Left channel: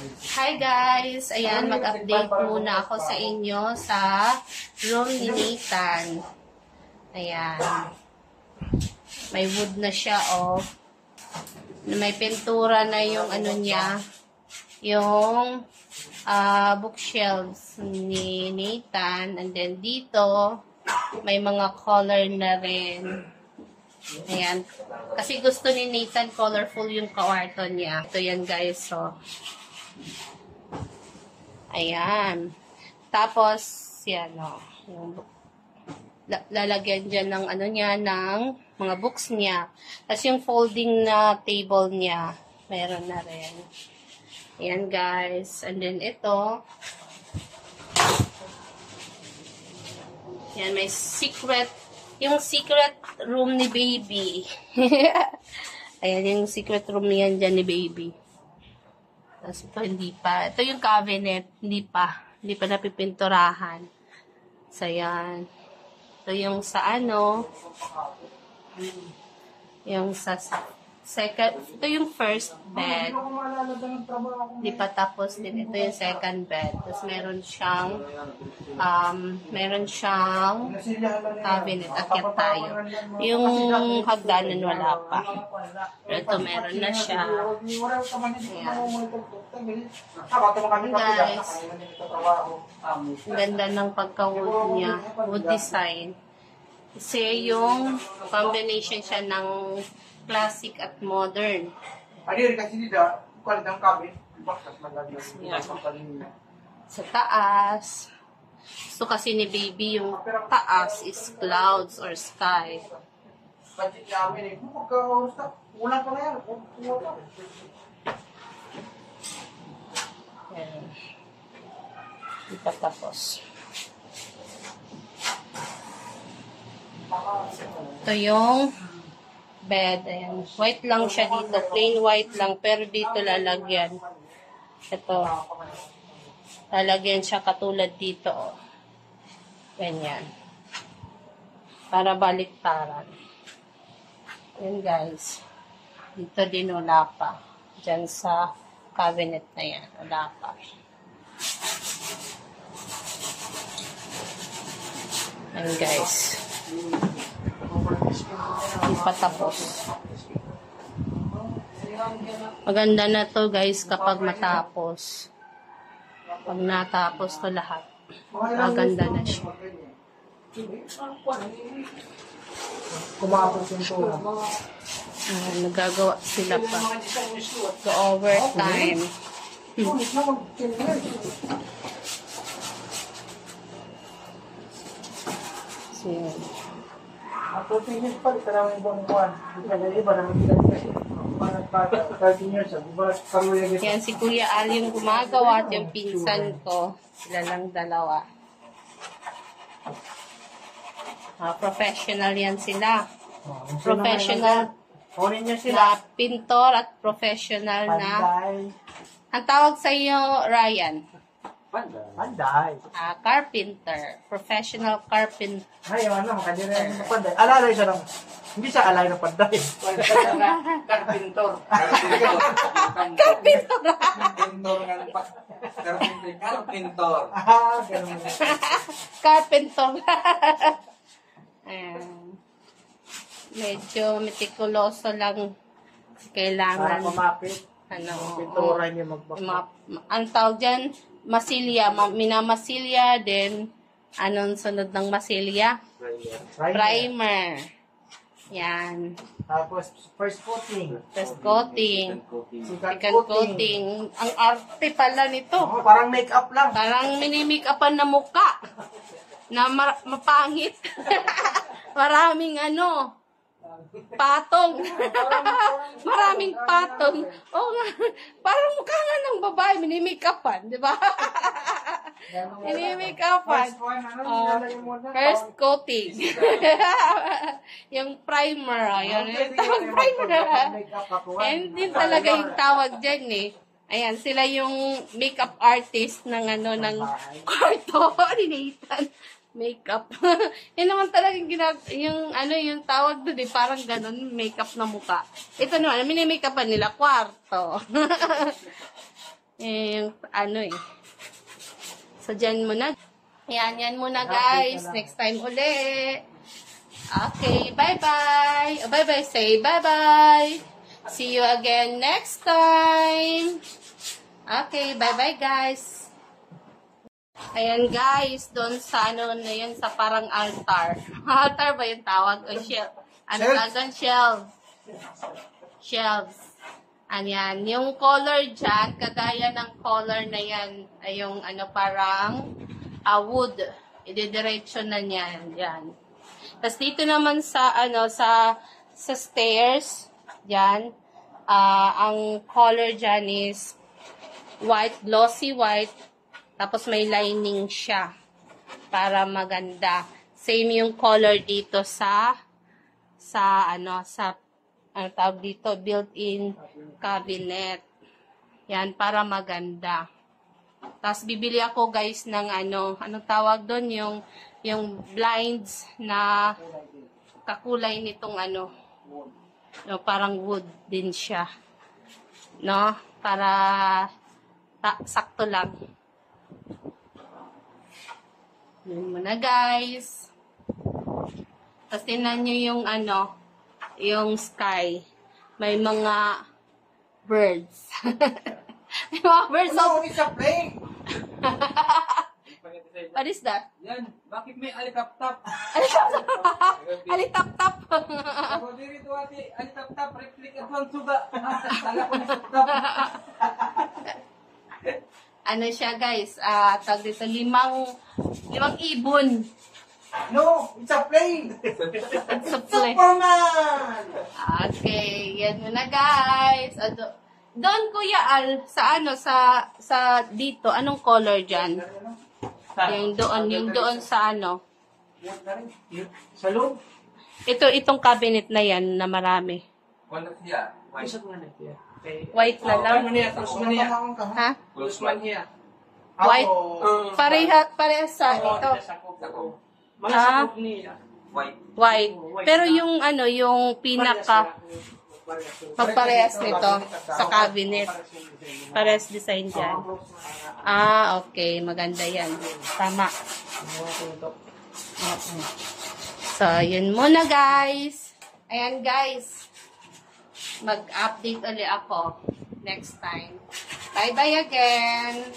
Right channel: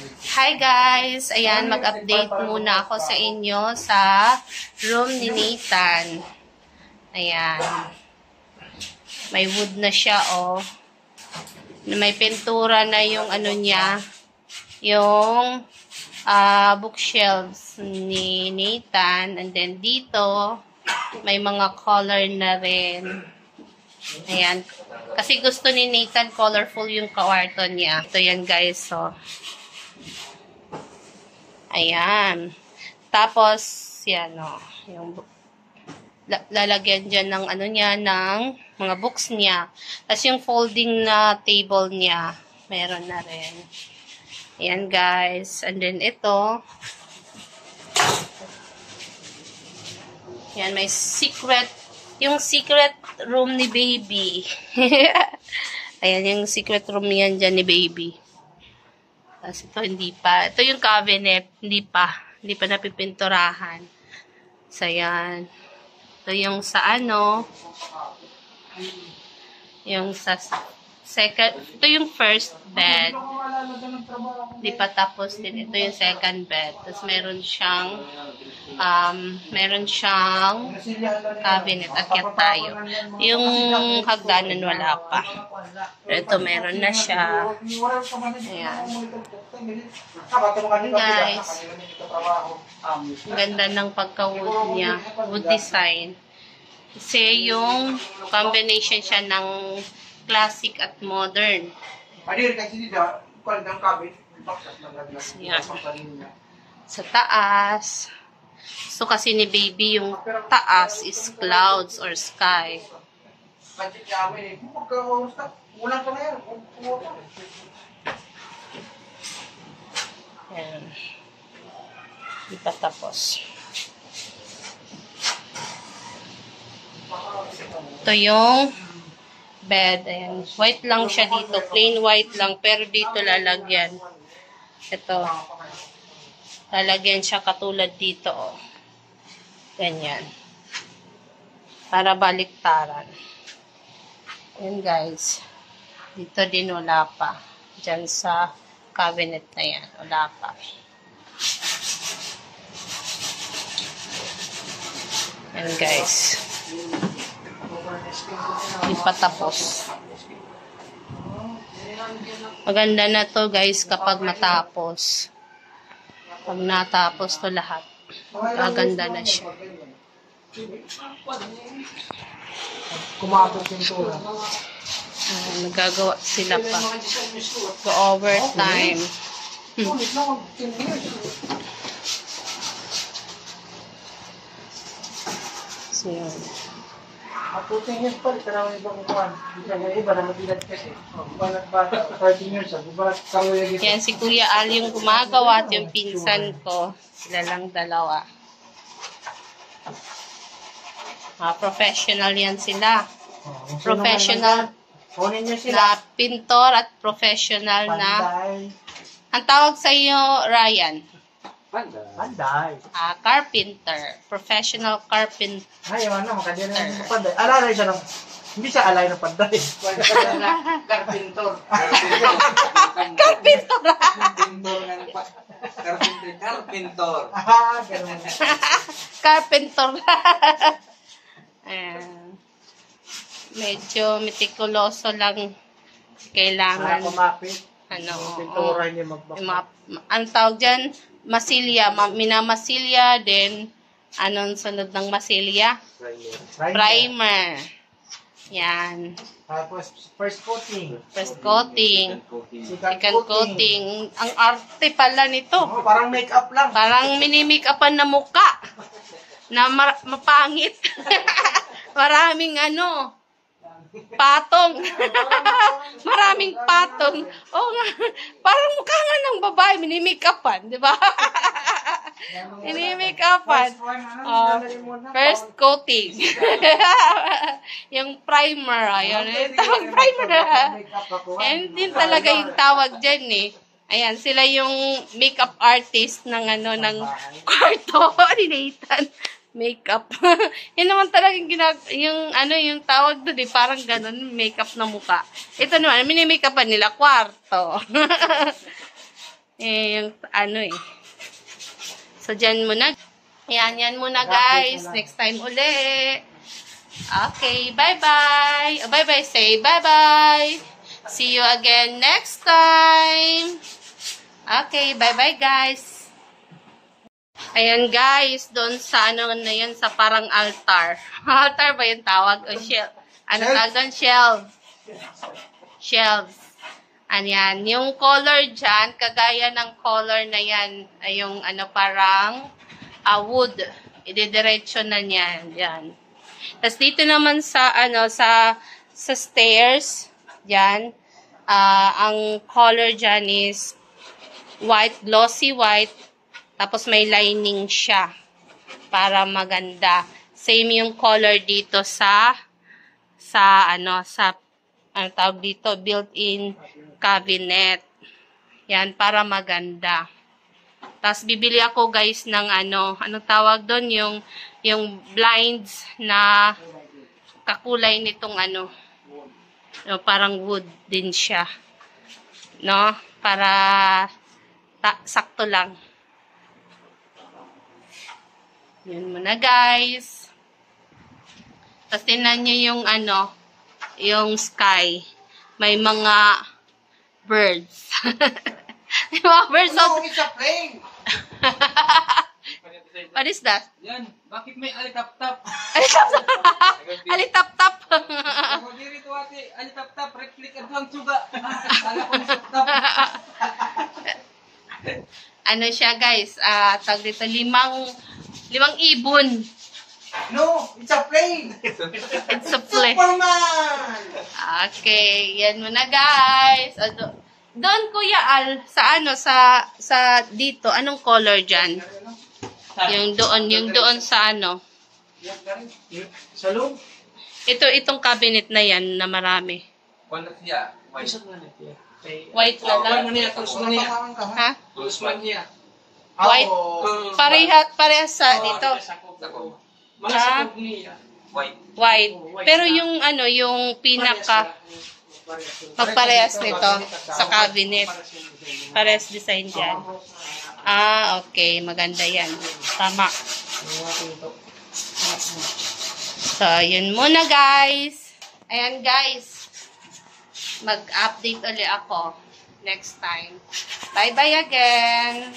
Hi guys! Ayan, mag-update muna ako sa inyo sa room ni Nathan. Ayan. May wood na siya, oh. May pintura na yung ano niya, yung bookshelves ni Nathan. And then dito, may mga color na rin. Ayan. Kasi gusto ni Nathan colorful yung kwarto niya. Ito yan guys, so. Ayan. Tapos, yan o. Yung lalagyan dyan ng ano niya, ng mga books niya. Tapos yung folding na table niya, meron na rin. Ayan guys. And then ito. Yan, may secret. Yung secret room ni baby. Ayan, yung secret room yan dyan ni baby. Tapos ito, hindi pa. Ito yung cabinet. Hindi pa. Hindi pa napipinturahan. So, yan. Ito yung sa ano. Yung sa second. Ito yung first bed. Hindi pa tapos din. Ito yung second bed. Tapos meron siyang cabinet. Akyat tayo. Yung hagdanan wala pa. Pero ito meron na siya. Ayan. Guys. Ang ganda ng pagka-wood niya. Wood design. Kasi yung combination siya ng classic at modern. Yan. Sa taas. So kasi ni baby yung taas is clouds or sky. Yan. Di pa tapos. Ito yung bed. Ayan. White lang siya dito. Plain white lang. Pero dito lalagyan. Ito. Lalagyan siya katulad dito. Oh. Ganyan. Para baliktaran. Ayan guys. Dito din wala pa. Diyan sa cabinet na yan. Wala pa. Ayan guys. Hindi pa tapos. Maganda na to guys kapag matapos. Pag natapos to lahat, kaganda na siya. Nagagawa sila pa. Go overtime. So yun. Yan si Kuya Al yung gumagawa at yung pinsan ko. Sila lang dalawa. Professional yan sila. Professional na pintor at professional na. Ang tawag sa iyo, Ryan? Panday. Carpenter. Professional carpenter. Ay, ano, kanina yung panday. Alalay siya lang. Hindi siya alay ng panday. Carpenter. Carpenter. Carpenter. Carpenter. Ayan. Medyo meticuloso lang kailangan. Ano, ang tawag dyan, masilya, minamasilya, then, anong sunod ng masilya? Primer. Yan. Tapos, first coating. First coating. Second coating. Ang arte pala nito. Oh, parang make-up lang. Parang mini-make-upan na muka. Na mapangit. Maraming ano, patong. Maraming patong. Oh, parang mukha nga ng babae, mini-make-upan, di ba? Mini-make-upan. First coating. Yung primer, ayun. Yung tawag primer. And din talaga yung tawag dyan eh. Ayan, sila yung makeup artist ng ano, ng kwarto ni Nathan. Makeup. Yan naman talagang yung ano, yung tawag doon eh, parang ganun, makeup na mukha. Ito naman, mini-makeupan nila, kwarto. yung ano eh. So, dyan muna. Yan muna guys. Next time uli. Okay, bye-bye. Bye-bye, say bye-bye. See you again next time. Okay, bye-bye guys. Ayan guys, doon sa ano na yan, sa parang altar. Altar ba yung tawag? O shelf? Ano tawag doon? Shelf. Shelves. Ayan, yung color dyan, kagaya ng color na yan, ay yung ano parang wood. Ididiretso na niyan. Yan. Tapos dito naman sa ano sa stairs, yan, ang color dyan is white, glossy white, tapos may lining siya para maganda. Same yung color dito sa ano tawag dito, built-in cabinet. Yan, para maganda. Tapos bibili ako guys ng anong tawag doon, yung blinds na kakulay nitong parang wood din siya. No? Para sakto lang. Yun muna guys. Tapos tingnan nyo yung sky. May mga birds. May mga birds. No, it's a plane. What is that? Yan, bakit may alitap-tap? Alitap-tap. Ako dito ate, alitap-tap, replica doang suga. Kala ko masap-tap. Ano siya guys, tawag dito, limang ibon. No, it's a plane. It's a play. Superman. Okay, yan muna guys. Doon Kuya Al, sa dito, anong color dyan? Yung doon sa Sa loob. Itong cabinet na yan na marami. Wala siya. White na lang. Ha? Lusmania. White. Parehas sa dito. White. Pero yung yung pinaka magparehas nito sa cabinet. Parehas design dyan. Okay. Maganda yan. Tama. So, yun muna guys. Ayan guys. Mag-update ulit ako next time. Bye-bye again.